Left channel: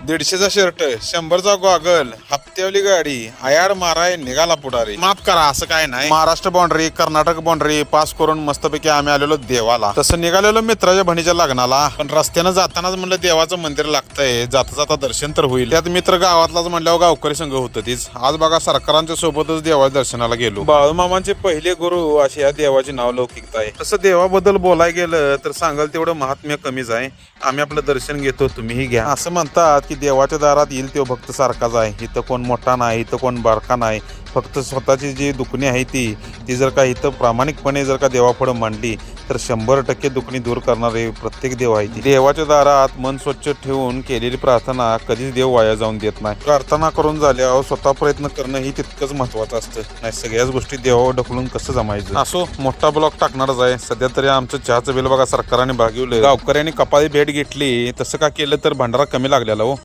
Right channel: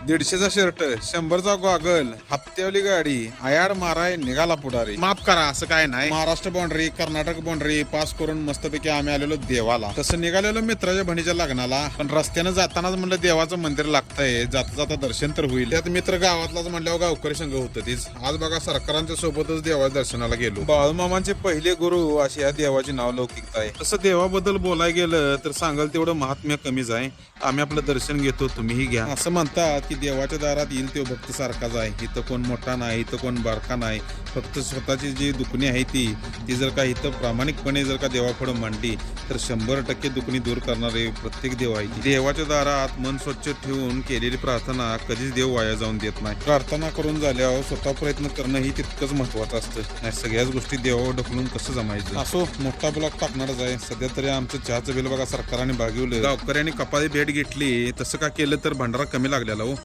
दीडशेचा shirt शंभरचा goggle हप्त्यावली गाडी आयार माराय निघाला पुढारी. माफ करा असं काय नाही. Maharashtra boundary Karnataka boundary pass करून मस्तपैकी आम्ही आलेलो देवाला. तसं निघालेलो मित्राच्या भणीच्या लग्नाला. पण रस्त्यानं जातानाच म्हणलं देवाचं मंदिर लागतंय. जाता जाता दर्शन तर होईल. त्यात मित्र गावातलाच म्हणल्यावर गावकरी संघ होतं तीच. आज बघा सरकारांच्या सोबतच देवाच्या दर्शनाला गेलो. बाळूमामांचे पहिले गुरु अशी या देवाची नाव लौकिकता आहे तसं देवाबद्दल बोलाय गेलं तर सांगाल तेवढं महात्म्य कमीच आहे. आम्ही आपलं दर्शन घेतो तुम्हीही घ्या. असं म्हणतात. की देवाच्या दारात येईल तो भक्त सारखाच आहे इथं कोण मोठा नाही इथं कोण बारका नाही. फक्त स्वतःची जी दुखणी आहे ती ती जर का इथं प्रामाणिकपणे जर का देवापुढे मांडली तर शंभर टक्के दुखणी दूर करणारे प्रत्येक देव आहे देवाच्या दारात मन स्वच्छ ठेवून केलेली प्रार्थना कधीच देव वाया जाऊन देत नाही. प्रार्थना करून झाल्यावर स्वतः प्रयत्न करणं ही तितकंच महत्वाचं असतं. नाही सगळ्याच गोष्टी देवावर ढकलून कसं जमायचं? असो मोठा ब्लॉक टाकणारच आहे. सध्या तरी आमचं चहाचं बिल बघा सरकारने भागिवलं गावकऱ्यांनी कपाळी भेट घेतली. तसं का केलं तर भांडारा कमी लागलेला हो.